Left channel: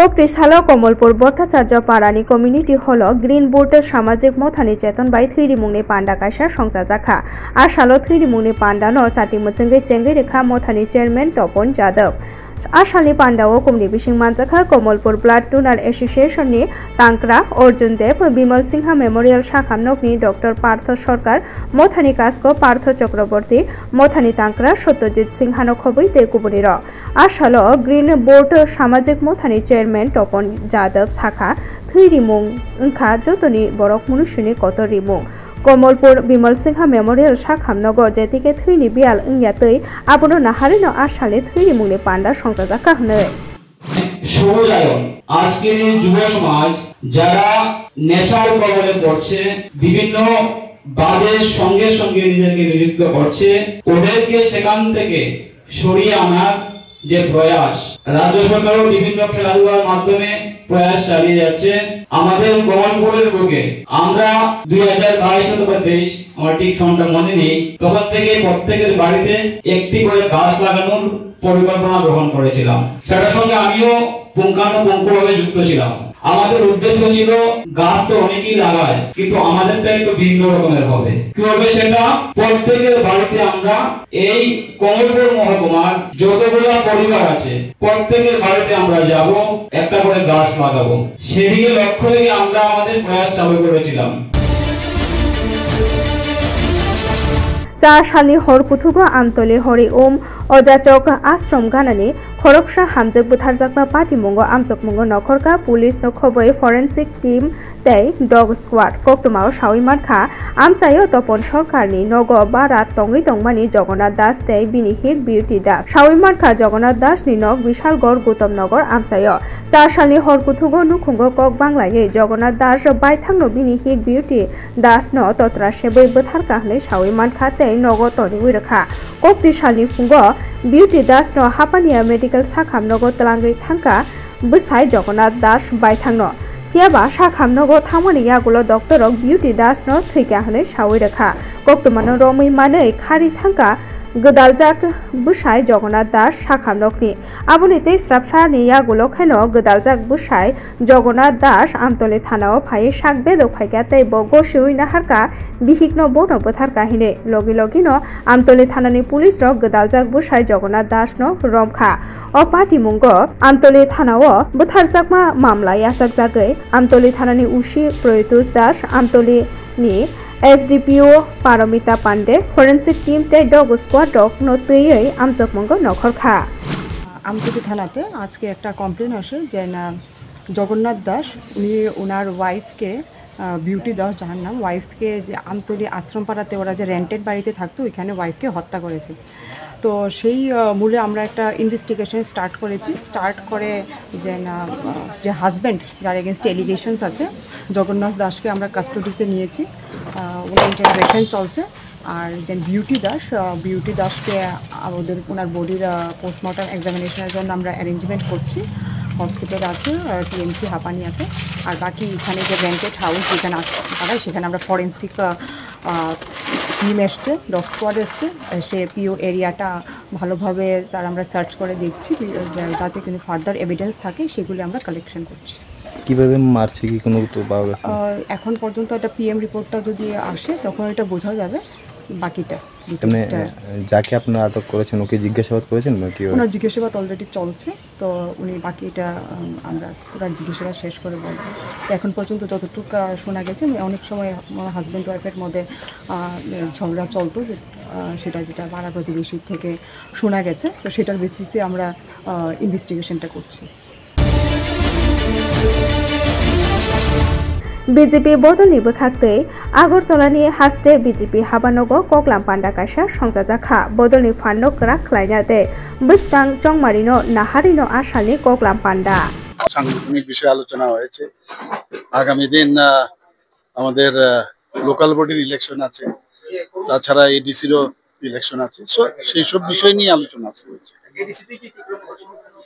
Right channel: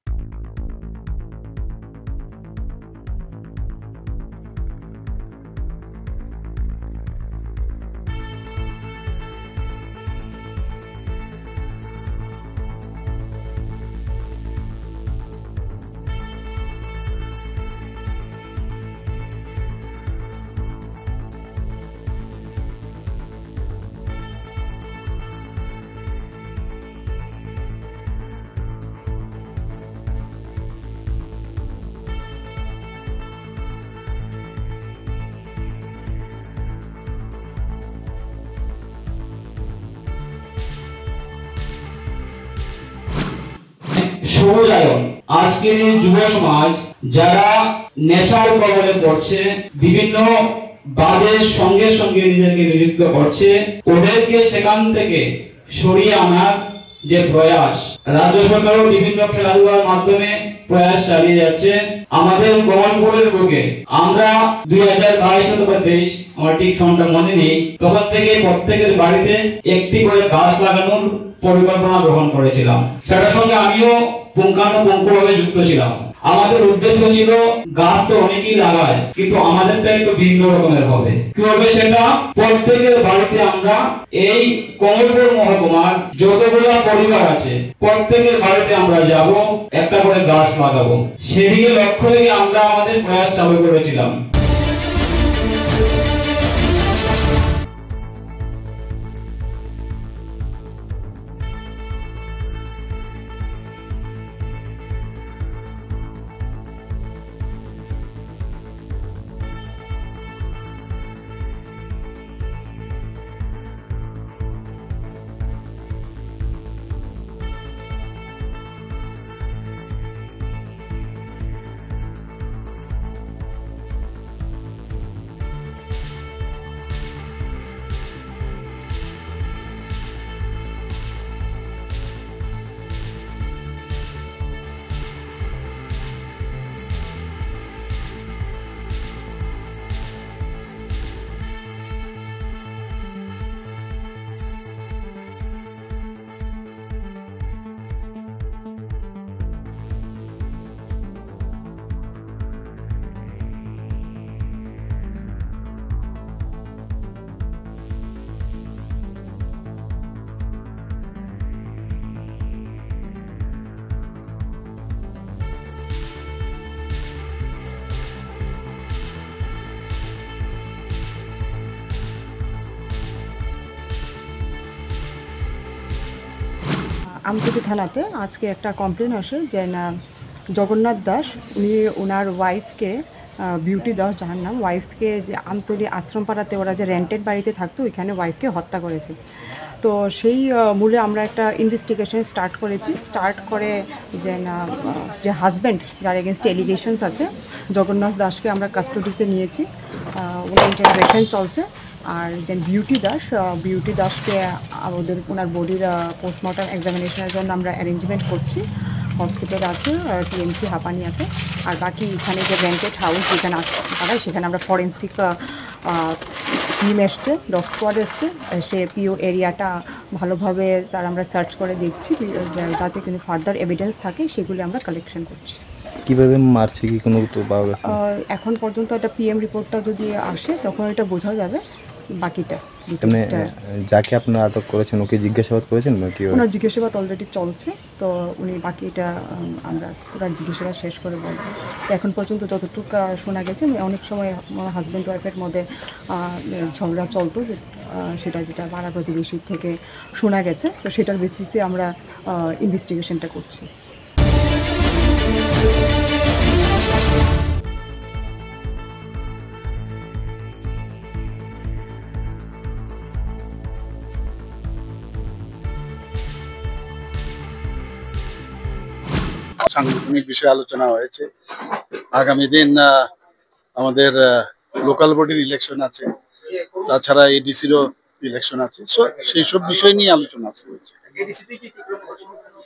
কক্রিশাল কমলপুর ভট্টাচার্য পাড়ানি community hall green বুট সামাजिक मथानि चेतन बाय थैरिमुंनि पांडा कायसा संसा जाखा आसालो थैरिमुंनि पांडानो चाति मुचंगै चेंगै रेखा मथानि चेयरमैन तपन जादव आसालनि पांडाओ कुमनि बिसिं मानजाखा कमलपुर ब्लाड डोनार एसोसिएशननि तांक्रा अर्जुन देव बिमल सिंहा मेमोरियल शाखामनकनि डॉक्टर पार्थ सरकार मथानि कास्को पार्थ चक्रवर्ती मथानि तांक्रा सत्यजित सिंहानो खबै ते कुबुनिर आसालो ग्रीन बोर्ड सामाजिक मथानि चेयरमैन तपन जादव शाखा थैरिमुं उनखा जतनि बरक मनुष्यनि कत रिमुं कमलपुर बिमल सिंहा मेमोरियल शाखामनगो जेतिके थैनि बियाल इंयातै आबनो नाहारिनो आसाले थैरिमुंनि पांडा संसा जाखा हने সৌরায়ন আজকের এই যুব সমাজ যারা নেশার কবলে পড়ছে বিভিন্ন বাজের সঙ্গে সঙ্গে নিজেকে নিযুক্ত করছে ওদেরকে সেখান থেকে সরিয়ে আনার যে প্রয়াস রাজ্য সরকারও বিভিন্ন খেলাধুলার মাধ্যমে প্রয়াস চালিয়ে যাচ্ছে আমাদের কমলপুরের বুকে আমরা 2022 অথবা 23 আমার ঠিক সনটা মনে নেই তখন থেকে প্রত্যেকের বাড়িতে একটি করে গাছ লাগানোর পরিকল্পনা গ্রহণ করেছিলাম সেটার সঙ্গে আমিও পুঙ্খানুপুঙ্খভাবে যুক্ত ছিলাম আমাদের উদ্দেশ্য ছিল গাছ তো অনেকেই লাগায় কিন্তু আমাদেরটা একটু ভিন্ন রকমের হবে কিভাবে সেটা প্রত্যেকের বাড়িতে আমরা এই কমলপুর মহকুমার যতগুলো পরিবার আছে প্রত্যেকের বাড়িতে আমরা যাব একটা করে গাছ লাগাবো সেদিকে লক্ষ্য রেখে আমরা আমাদের প্রয়াস চালু করেছিলাম चारसालनि हरकुथुगो आमतले हरि ओम अजाचक आश्रम गानानि खरकसा हामजक बुथारजाकबा पाटिमुंगो आमचकमुंगो नखरका पुलिस नखबै फरेन्सिक टीम तै डग स्क्वाड कक्तमाव साविमानखा आमचायो तपन सरकारनि नग बारा तंगै तंगमानि जगन्नाथ दास तै बिनि हित बिउटी दास साविमानखा जगन्नाथ दासनि नग विशालगढ़ गौतम नगर आमचायो चारसालनि हरकुथुगो नुखुंगो कक बांग्लायै जगन्नाथ दास बायथांनो बिनि हित बिउटी दास न तत्रा सेबै बुथारका हनै साविमानखा तै नग तनि उइरखा कक्तिसालनि फुंगो बिउटी दास न हापानिया मेडिकल शाखामनगो तलांगै थांका बसाय जगन्नाथ दास बायथांनो कियाबा शाखामनगो थांमनि यागुलो डॉक्टर बिउटी दास न थैका हनै सावै रेखा कक्तमानो रमै मानै खारि थांका गोदालजाक बसाय जगन्नाथ दास शाखामनगनि आबुनि तै स्राबसानि यागुलो खैनो गोदालजाक बसाय जगन्नाथ दास आमतले थानाव फाय साकबे दफायगा तै बगसिउइ नाहारका बिहिकनो बनो बोथारका हिने लगी लगिनो आमतले थानानि पुलिस र गोदालजाक बसाय जगन्नाथ दास न रमखा अ पाटिमुंगो आमतले थानाव बोथारजाकमा मामला यासाक जागै आमतले थानानि उसी प्रयुतुस दास आमतले नि SDPO Paramita Pandey forensic team ते डग स्क्वाड डग नतैयै आमचकमंगो नखरखा আমতলী থানাতে আজকে একটা কমপ্লেন আসে যে না জগন্নাথ দাস উনি ওনার ওয়াইফকে বিউটি দাস যার নাম ওয়াইফকে যে আমতলী আশ্রমপাড়াতে ওরা যে রেন্টেড বাড়িতে থাকতো ওইখানে ওয়াইফকে হত্যা করেছে তো সেই মূলে আমরা একটা ইনভেস্টিগেশন স্টার্ট করে যে না যে হাজব্যান্ড যার এগেনস্ট এলিগেশনস আছে জগন্নাথ দাসকে আমরা কাস্টডিতে নিয়েছি ওনার ইন্টারোগেশন চলছে আর যে বিউটি দাসকে ওদের ওনার বডির পোস্টমর্টম এক্সামিনেশনের জন্য আমরা অ্যারেঞ্জমেন্ট করছি হসপিটাল আছে টিএমসি হাপানিয়াতে আর বাকি এখানে যে রেন্টেড হাউস যেখানে আছে সেখানে আমরা ফরেন্সিক টিম এসছে ডগ স্কোয়াড এসছে সে পিও এরিয়াটা ভালোভাবে তার আমরা সার্চ করে দেখছি যাতে কিন্তু ফার্দার এভিডেন্স থাকে সেগুলি আমরা কালেকশন করছি কিভাবে মারছে কি কোনো তো পাওয়া গেছে এখন পর্যন্ত একটা পিএম রিপোর্টটা যদি আসে তখন এটা বোঝা যাবে বাকিটা মানে যাকে আপনারা আটক করেছেন ওকে জিজ্ঞাসাবাদ করেছেন নাকি ওনার জিজ্ঞাসাবাদ অলরেডি চলছে তো উনি বাকিটা আমরা পুরো জিজ্ঞাসাবাদ শেষ করে বলবো এখন পর্যন্ত যতটুকু শোনা গেছে অনেক সময় হাজব্যান্ড ওয়াইফের মধ্যে ঝগড়া চলতো সেটা যেটা পাড়া প্রতিবেশীর থেকে শোনা গেছে তো সেটার বেসিসে আমরা ইনভেস্টিগেশনটা করছি बीजेपी बदलनि बोखाक्तै आगरतलानि हास्टे बीजेपी हाबानगो कक्लाम पांडा कायसा संजा जाखा बदलनि फान्नो क्राक खालायनाते बिस्तां चंगमारिनो नाहारिनो आसानि कक्लाम पांडा সাংগঠনিক বিষয়ে আলোচনা হয়েছে আগামী দিন আমাদের লোকাল বডির ইলেকশন আছে তাছাড়া এডিসিরও ইলেকশন আছে সেই সব বিষয় নিয়ে আলোচনা হয়েছে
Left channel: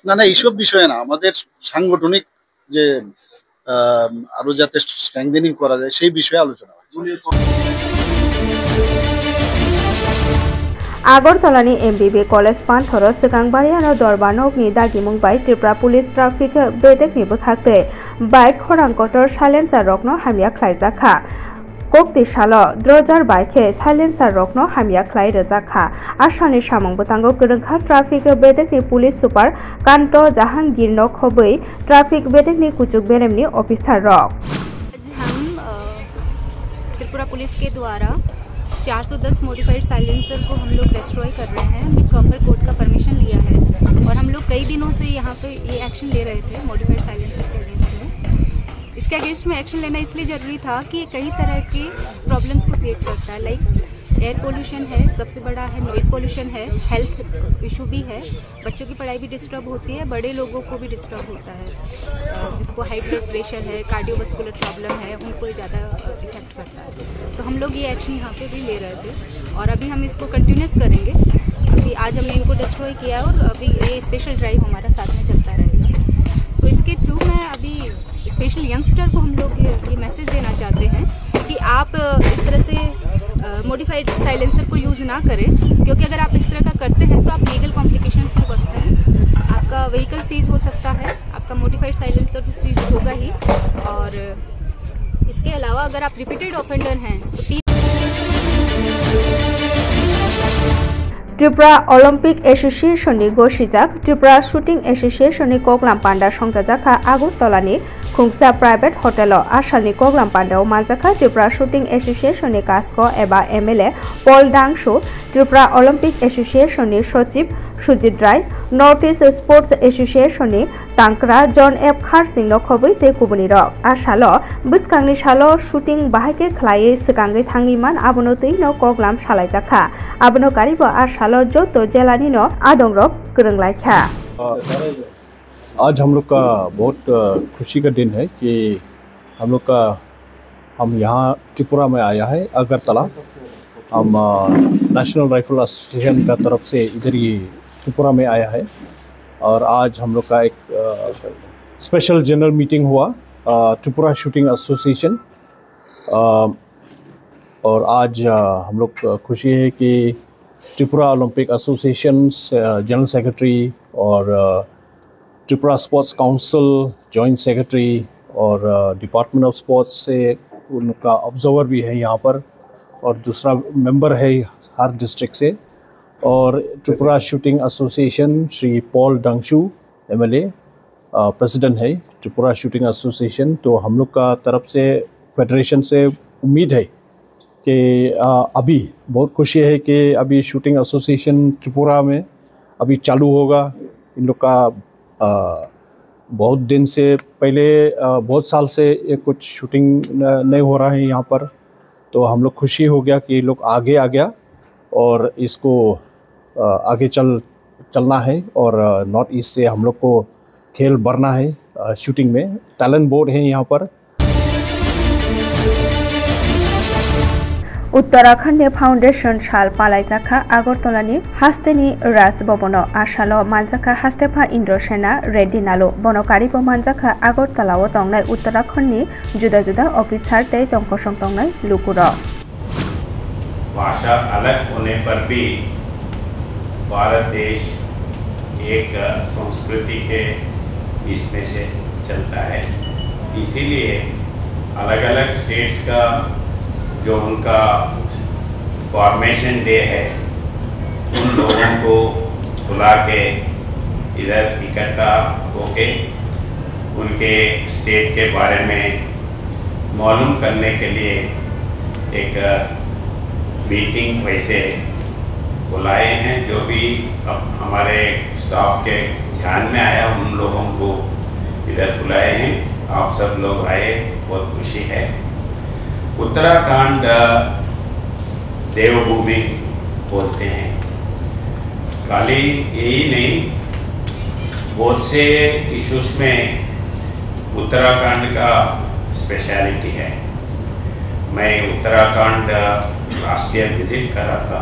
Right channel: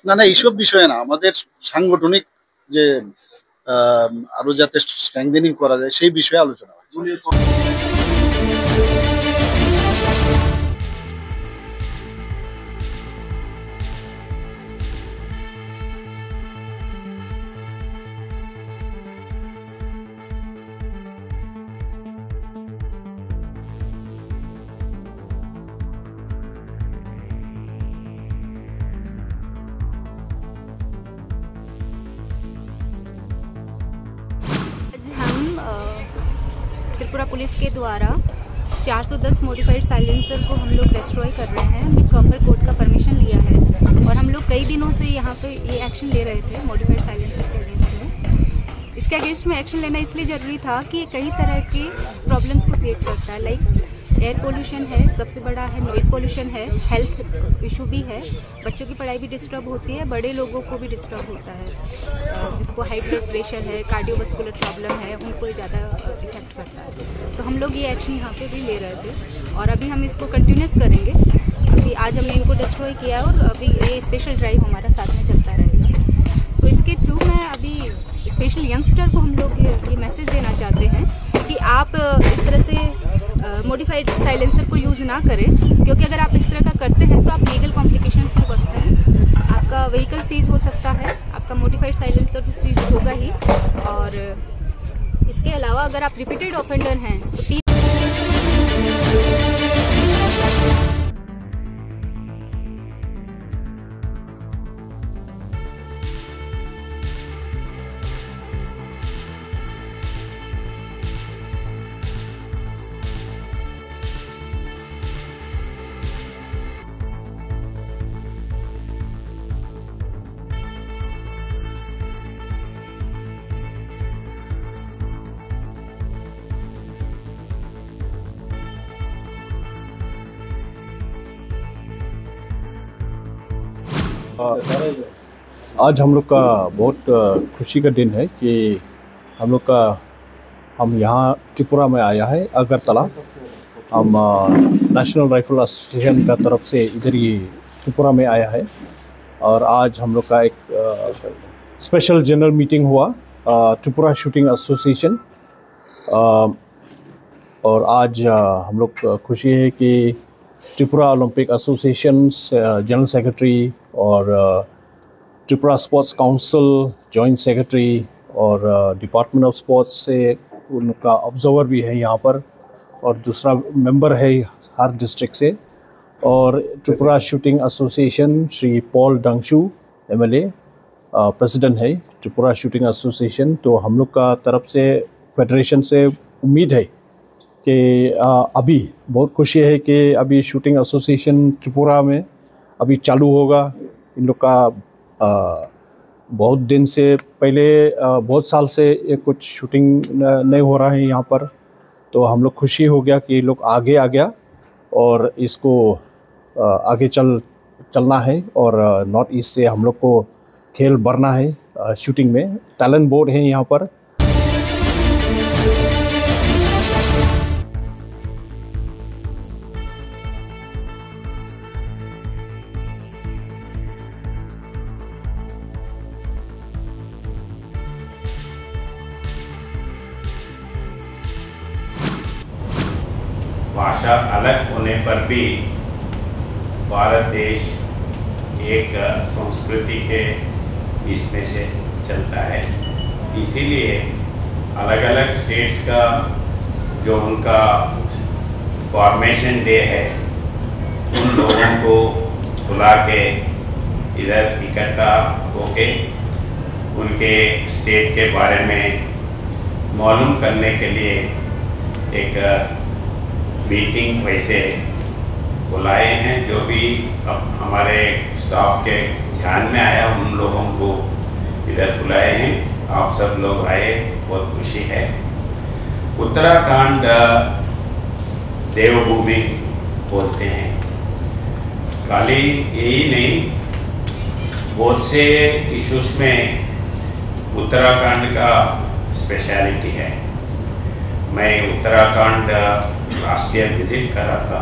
না এইসব বিষয়ে না আমাদের সাংগঠনিক যে আরো যাতে স্ট্রেংথেনিং করা যায় সেই বিষয়ে আলোচনা হয়েছে Agartalani MBB College Panthoro Sekangbariano Dorbanokni Dagimung by Tripura Police Traffic Bedekni Bukhakte Bike Horankotor Silencer Rokno Hamia Klaizaka Kokti Shalo Drojar Bike Silencer Rokno Hamia Klai Rezaka Ashani Shamong Butango Kurangha Traffic Bedekni Police Super Kanto Jahangir Nok Hobui Traffic Bedekni Kuchuk Beremni Officer Rock हम Tripura police के द्वारा 410 modified silencer को हम लोग destroy कर रहे हैं। हमने प्रॉपर कोर्ट का परमिशन लिया है और हम लोग कई दिनों से यहाँ पे ये एक्शन ले रहे थे मॉडिफाइड साइलेंसर के अगेंस्ट में। इसके अगेंस्ट में एक्शन लेना इसलिए ज़रूरी था कि ये कई तरह के प्रॉब्लम्स को क्रिएट करता है। लाइक एयर पोल्यूशन है, सबसे बड़ा है नॉइज़ पोल्यूशन है, हेल्थ इशू भी है, बच्चों की पढ़ाई भी डिस्टर्ब होती है, बड़े लोगों को भी डिस्टर्ब होता है, जिसको हाई ब्लड प्रेशर है, कार्डियोवास्कुलर प्रॉब्लम है, उनको ज़्यादा इफेक्ट करता है। तो हम लोग ये एक्शन यहाँ पे भी ले रहे थे और अभी हम इसको कंटिन्यूस करेंगे। अभी आज हमने इनको डिस्ट्रॉय किया और अभी ये स्पेशल ड्राइव हमारा साथ में चलता रहेगा। सो इसके थ्रू मैं अभी स्पेशल यंगस्टर को हम लोग ये मैसेज देना चाहते हैं कि आप इस तरह से मॉडिफाइड साइलेंसर को यूज़ ना करें, क्योंकि अगर आप इस तरह का करते हैं तो आप लीगल कॉम्प्लिकेशंस में फंसते हैं। आपका व्हीकल सीज हो सकता है, आपका मॉडिफाइड साइलेंसर तो सीज होगा ही, और इसके अलावा अगर आप रिपीटेड ऑफेंडर हैं तो Tripura Olympic Association ni Goshijak Tripura Shooting Association ni Koklam Panda Songtajaka Agartalani Khungsa Private Hotel Ashalni Koklam Panda Manjaka Tripura Shooting Association ni Kasko eba MLA Paul Dangshu Tripura Olympic Association ni Sochip Sujit Rai Northeast Sports Association ni Tankra John F. Harsing no Khobui te Kubuni Rock Ashalo Buskangni Shalo Shooting Bahake Klai Sekangi Thangiman Abonoti no Koklam Shalaijaka Abono Karibo Ashalo Joto Jelani no Adong Rock Kurunglaikha आज हम लोग का बहुत खुशी का दिन है कि हम यहाँ त्रिपुरा में आया है अगरतला। हम नेशनल राइफल एसोसिएशन का तरफ से इधर ही त्रिपुरा में आया है और आज हम लोग का एक स्पेशल जनरल मीटिंग हुआ त्रिपुरा शूटिंग एसोसिएशन। और आज हम लोग खुशी है कि Tripura Olympic association general secretary और Tripura sports council joint secretary और डिपार्टमेंट ऑफ स्पोर्ट्स से उनका ऑब्जर्वर भी है यहाँ पर, और दूसरा मेंबर है हर डिस्ट्रिक्ट से, और Tripura shooting association Shri Paul Dangshu MLA president है त्रिपुरा शूटिंग एसोसिएशन। तो हम लोग का तरफ से फेडरेशन से उम्मीद है कि अभी बहुत खुशी है कि अभी शूटिंग एसोसिएशन त्रिपुरा में अभी चालू होगा। इन लोग का बहुत दिन से पहले बहुत साल से ये कुछ शूटिंग नहीं हो रहा है यहाँ पर, तो हम लोग खुशी हो गया कि लोग आगे आ गया और इसको आगे चलना है और नॉर्थ ईस्ट से हम लोग को खेल बढ़ना है। शूटिंग में टैलेंट बोर्ड है यहाँ पर। उत्तराखंड फाउंडेशन साल पालाइजाखा आगरतलानि हास्तेनि राज भवन आशालो मानजाखा हास्तेफा इंद्रसेना रेड्डी नालो बनकारिबो मानजाखा आगरतलाओ तंगनाय उत्तराखंडनि जुदा जुदा ऑफिसर तै तंखसं तंगनाय लुकुरो। भाषा अलग होने पर भी भारत देश एक संस्कृति के इसमें से चलता है, इसीलिए अलग अलग स्टेट्स का जो उनका फॉर्मेशन डे है उन लोगों को बुला के इधर इकट्ठा होके उनके स्टेट के बारे में मालूम करने के लिए एक मीटिंग वैसे बुलाए हैं। जो भी अब हमारे स्टाफ के ध्यान में आया उन लोगों को इधर बुलाए हैं। आप सब लोग आए, बहुत खुशी है। उत्तराखंड देवभूमि बोलते हैं, खाली यही नहीं बहुत से इश्यूज में उत्तराखंड का स्पेशलिटी है। मैं उत्तराखंड लास्ट ईयर विजिट कर रहा था।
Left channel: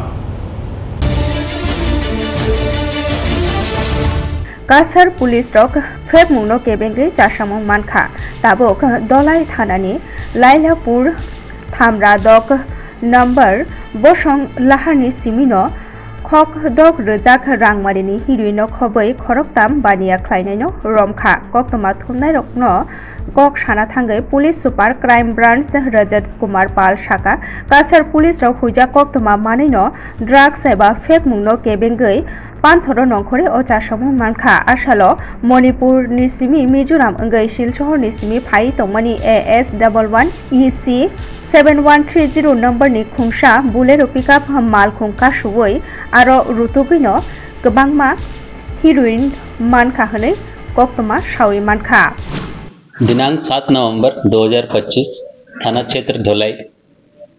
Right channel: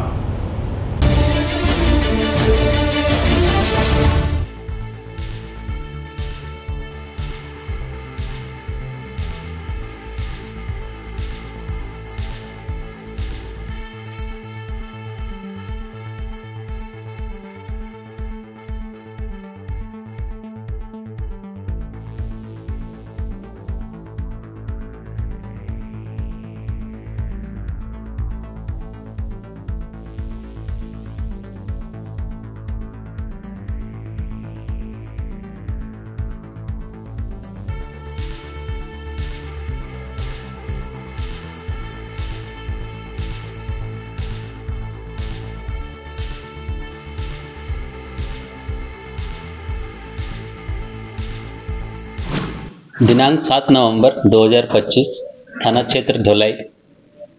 कासार पुलिस रक फ्रेब मुनो केबेंगे चाशामुं मानखा ताबोक दलाई थानानि लाइलापुर थामरा दक नम्बर बसं लाहारनि सिमिनो khok dok rejak rangmarini heroin khoboi khoroktam bania khlainaino romkha koktoma thumnai rokno kok sana thangai police super crime branch Rajat Kumar Pal Shaka kasar police rok huja koktoma maneino drugs eba fake mungno kebengoi panthoro nongkhore ocha samung mankha asalo Manipur ni simi Mizoram engai Silchor ni simi phai tongmani AS11 EC 7130 number ni khungsa Bolero pickup mal khungka suwoi aro rutubino gobangma heroin mankha hne koktoma shawi mankha दिनांक 7 नवंबर 2025 थाना क्षेत्र धोलाई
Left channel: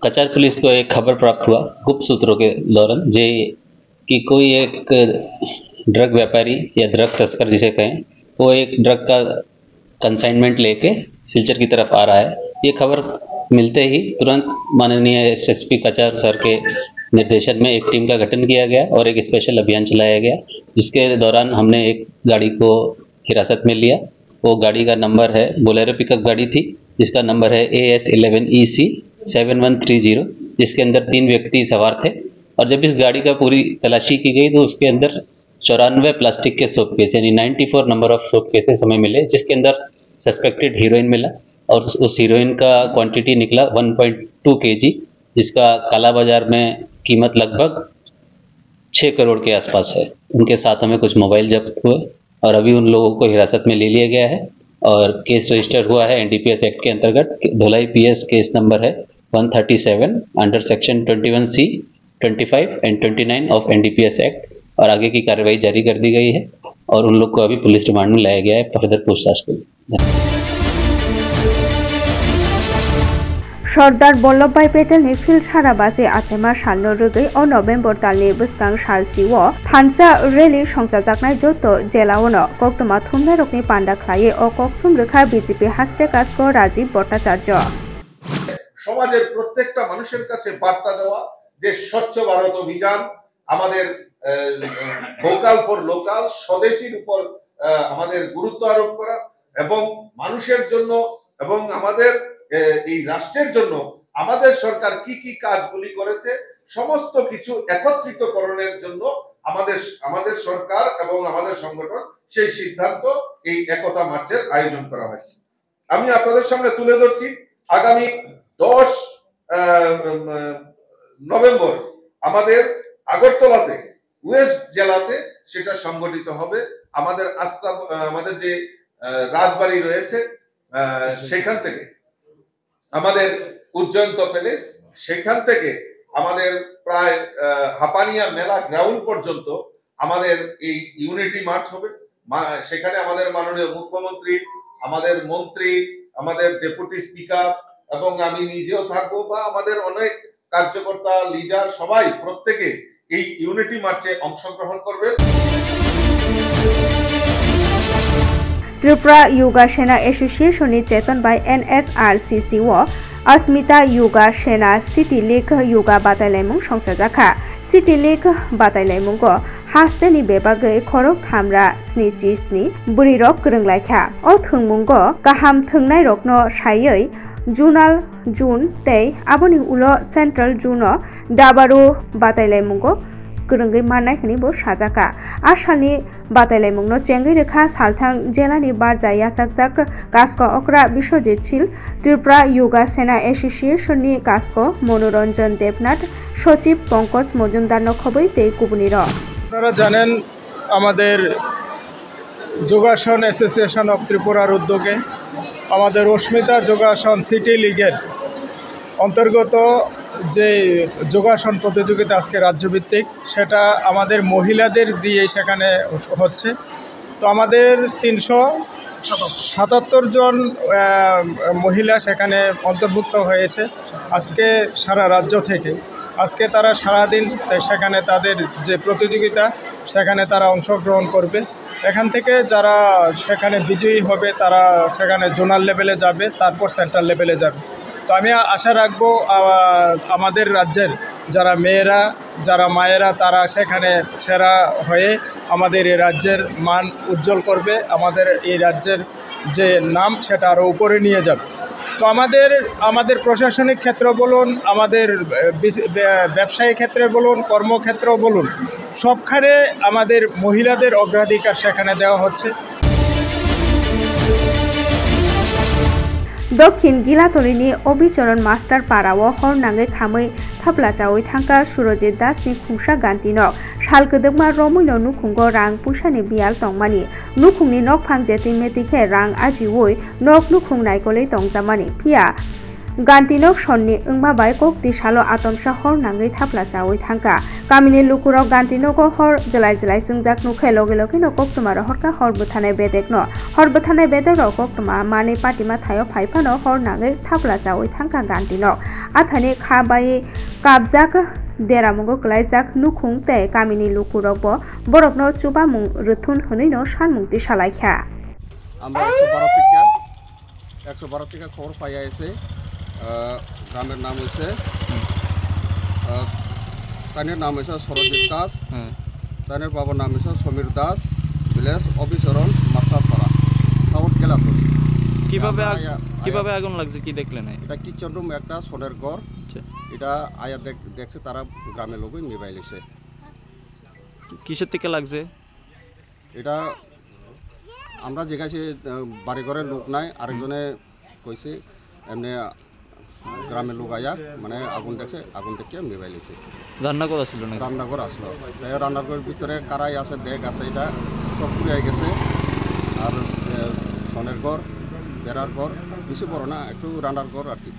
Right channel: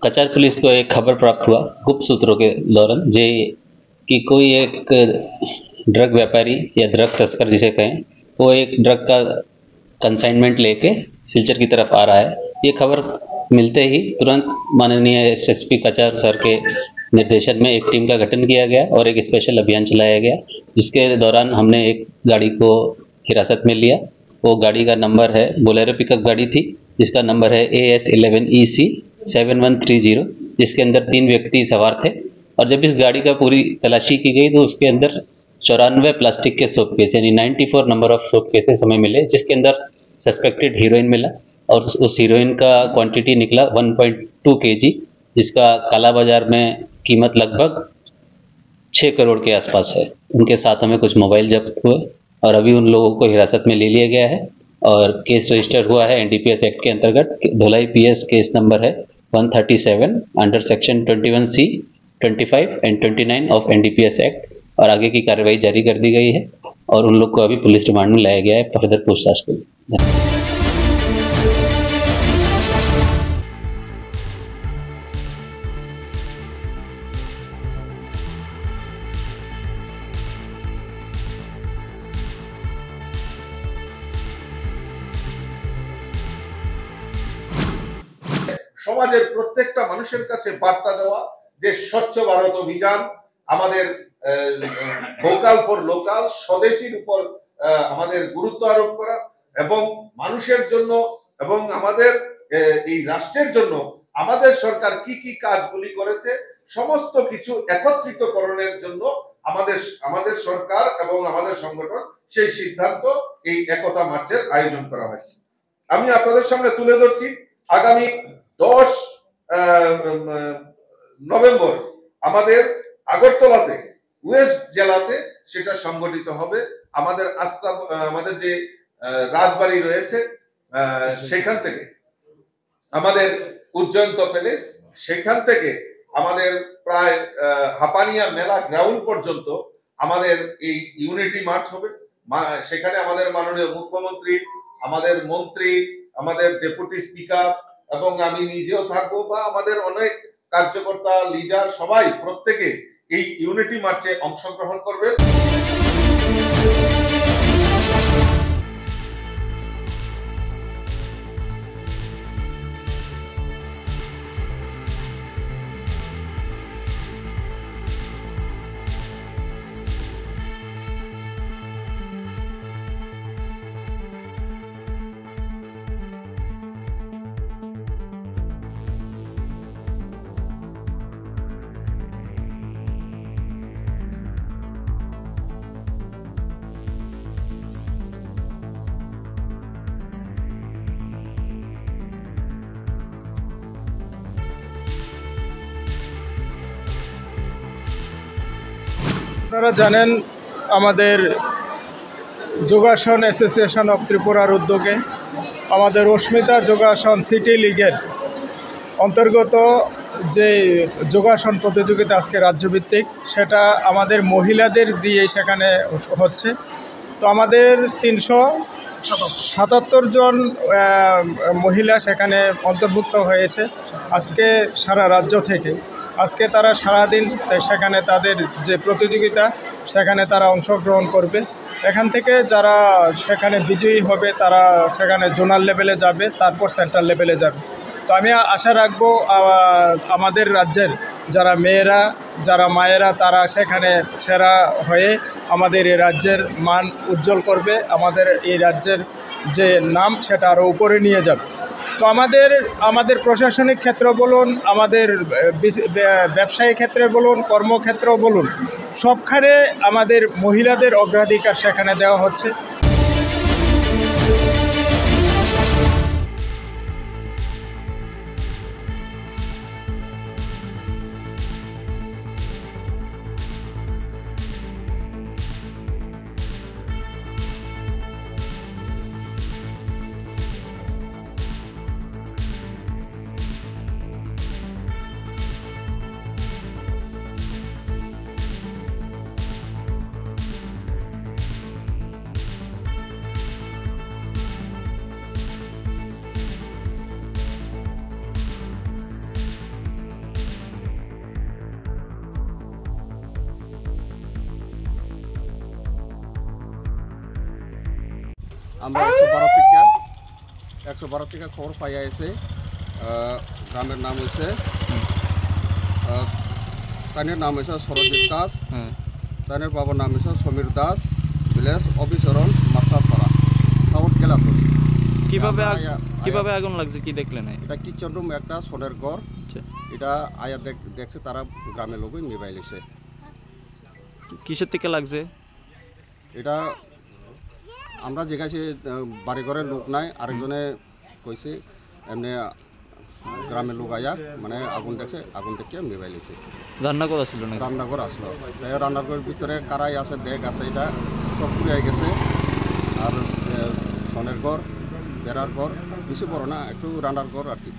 कचार police को एक खबर प्राप्त हुआ गुप्त सूत्रों के दौरान जे कि कोई एक ड्रग व्यापारी या ड्रग तस्कर जिसे कहें वो एक ड्रग का कंसाइनमेंट लेके सिलचर की तरफ आ रहा है। ये खबर मिलते ही तुरंत माननीय एसएसपी कचार सर के निर्देशन में एक टीम का गठन किया गया और एक स्पेशल अभियान चलाया गया, जिसके दौरान हमने एक गाड़ी को हिरासत में लिया। वो गाड़ी का नंबर है बोलेरो पिकअप गाड़ी थी जिसका नंबर है AS11EC 7130, जिसके अंदर 3 व्यक्ति सवार थे। और जब इस गाड़ी का पूरी तलाशी की गई तो उसके अंदर 94 प्लास्टिक के सोप केस यानी 94 नंबर ऑफ सोप केसेस हमें मिले, जिसके अंदर सस्पेक्टेड हीरोइन मिला और उस हीरोइन का क्वांटिटी निकला 1.2 kg, जिसका काला बाजार में कीमत लगभग 6 करोड़ के आसपास है। उनके साथ हमें कुछ मोबाइल जब्त हुए और अभी उन लोगों को हिरासत में ले लिया गया है और केस रजिस्टर हुआ है NDPS एक्ट के अंतर्गत। धोलाई PS केस नंबर है 137 under section 21C, 25 and 29 of NDPS act और आगे की कार्रवाई जारी कर दी गई है और उन लोग को अभी पुलिस रिमांड में लाया गया है फर्दर पूछताछ के लिए। Sardar Vallabhbhai Patel ni Silchara baje atema salno rugoi o November talni buskang salchiwo phancha rally songjajaknai doto jelaono koktoma thumnai rokni panda khlaye o koktum rekha BJP haste kasko Rajiv Bhattacharya সমাজের প্রত্যেকটা মানুষের কাছে বার্তা দেওয়া যে স্বচ্ছ ভারত অভিযান আমাদের ভোকাল ফর লোকাল স্বদেশীর উপর আমাদের গুরুত্ব আরোপ করা এবং মানুষের জন্য এবং আমাদের এই রাষ্ট্রের জন্য আমাদের সরকার কি কি কাজগুলি করেছে সমস্ত কিছু একত্রিতকরণের জন্য আমাদের সরকার এবং আমাদের সংগঠন সেই সিদ্ধান্ত এই একতা মার্চের আয়োজন করা হয়েছে। আমি আপনাদের সামনে তুলে ধরছি আগামী 10 নভেম্বর আমাদের আগরতলাতে ওয়েস্ট জেলাতে সেটা সংগঠিত হবে। আমাদের যে রাজবাড়ি রয়েছে সেখান থেকে আমাদের উজ্জয়ন্ত প্যালেস সেখান থেকে আমাদের প্রায় হাপানিয়া মেলা গ্রাউন্ড পর্যন্ত আমাদের এই ইউনিটি মার্চ হবে। সেখানে আমাদের মাননীয় মুখ্যমন্ত্রী, আমাদের মন্ত্রী, আমাদের ডেপুটি স্পিকার এবং আমি নিজেও থাকবো বা আমাদের অনেক কার্যকর্তা লিডার সবাই প্রত্যেকে এই ইউনিটি মার্চে অংশগ্রহণ করবে। Tripura Yoga Sena Association ni Chetan by NSRCC wo Asmita Yoga Sena City League Yoga Batailaimung songchajakha City League Batailaimung ko haste ni bebagai khorok hamra sni buri rok krunglaikha o thungmung ko kaham thungnai rokno sayoi Junal June tei aboni ulo Central June Dabaru Batailaimung ko Kurungai manai khani bo sajaka asalni batailaimungno chengai rekha salthang jelani barja yachakjak kasko okra Biswajit Chil Tripura Yoga Sena Association ni kasko Manoranjan Devnath সচিব পঙ্কজ মজুমদার নখবই তেই কুবনির আপনারা জানেন আমাদের যোগাসন association of ত্রিপুরার উদ্যোগে আমাদের অস্মিতা যোগাসন সিটি লিগের অন্তর্গত যে যোগাসন প্রতিযোগিতা আজকে রাজ্যভিত্তিক সেটা আমাদের মহিলাদের দিয়ে সেখানে হচ্ছে। তো আমাদের 377 জন মহিলা সেখানে অন্তর্ভুক্ত হয়েছে আজকে সারা রাজ্য থেকে। আজকে তারা সারাদিন সেখানে তাদের যে প্রতিযোগিতা সেখানে তারা অংশগ্রহণ করবে। এখান থেকে যারা সেখানে বিজয়ী হবে তারা সেখানে জোনাল লেভেলে যাবে, তারপর সেন্ট্রাল লেভেলে যাবে। তো আমি আশা রাখবো আমাদের রাজ্যের যারা মেয়েরা যারা মায়েরা তারা সেখানে সেরা হয়ে আমাদের এই রাজ্যের মান উজ্জ্বল করবে, আমাদের এই রাজ্যের যে নাম সেটা আরও উপরে নিয়ে যাবে। তো তো আমাদের প্রশাসনিক ক্ষেত্র বলুন, আমাদের ব্যবসায়িক ক্ষেত্রে বলুন, কর্মক্ষেত্র বলুন, সবখানে আমাদের মহিলাদের অগ্রাধিকার সেখানে দেওয়া হচ্ছে। দক্ষিণ গিলাতলিनि अबिचरण मास्टार पाराव हरनाङै खामै थाब्लाजावै थांगा सुरजित दासनि खुंसा गान्थिनो सालगोदोगमा रमैनो नुखुंगो रां पुसानि बियाल तंमानि नुखुंनि नकफां जेटिं मेटिखे रां आजिवै नक नुखुं नायगलै तंजामानि फिया गान्थिनक सननि ओंमाबाय कक्ति सालो आतमसा हरनाङै थाब्लाजावै थांगा गामिनि लुकुराव गान्थिनको हर जलाय जलाय जोंजाक नुखे लगे लगे न कक्तमार हरका हरबो थानाय बेदेकनो हरबो थानाय बेदेकनो कक्तमा मानै पाटिमा थायो फाइफानो हरनाङै थाब्लाजावै थांगा गान्थिनक आथानि खाबाय काबजाक देरामुंगो गलायजाक नुखुं ते गामिनि लुकुरावबो बरफनो चुबामुं रुथुन हनैनो सानमुंति सालायखा আমরা 112 থেকে খবর পাইয়া এসে গ্রামের নাম হয়েছে তাইনের নাম হয়েছে সরজিৎ দাস, তাইনের বাবার নাম হয়েছে সমীর দাস, ভিলেজ অবিচরণ মাস্টারপাড়া, সাউথ গেলাতলি। কিভাবে আগুন লাগছে কি দেখলেন? এটা কিচেন রুম একটা সোনের ঘর, এটা আয়া দেখছে তারা গ্রামের লোক নিবাই লেছে। কিসের থেকে লাগছে এটা আমরা জিজ্ঞাসি বাড়ি ঘরের লোক নাই, আরেকজনে কইছে এমনি গ্রামের লোক আয়া মানে আগুন দেখছে, আগুন দেখে নিবাই লেছে। রান্নাঘর আসছিল না? রান্নাঘর আসলো, রান্নাঘরের ভিতরে কারাই আছে, দেখ আছে, এটা সব পুড়ে গেছে। আর সোনের ঘর, বেড়ার ঘর, বেশি বড় না, একটু রান্নার ঘর আর কি।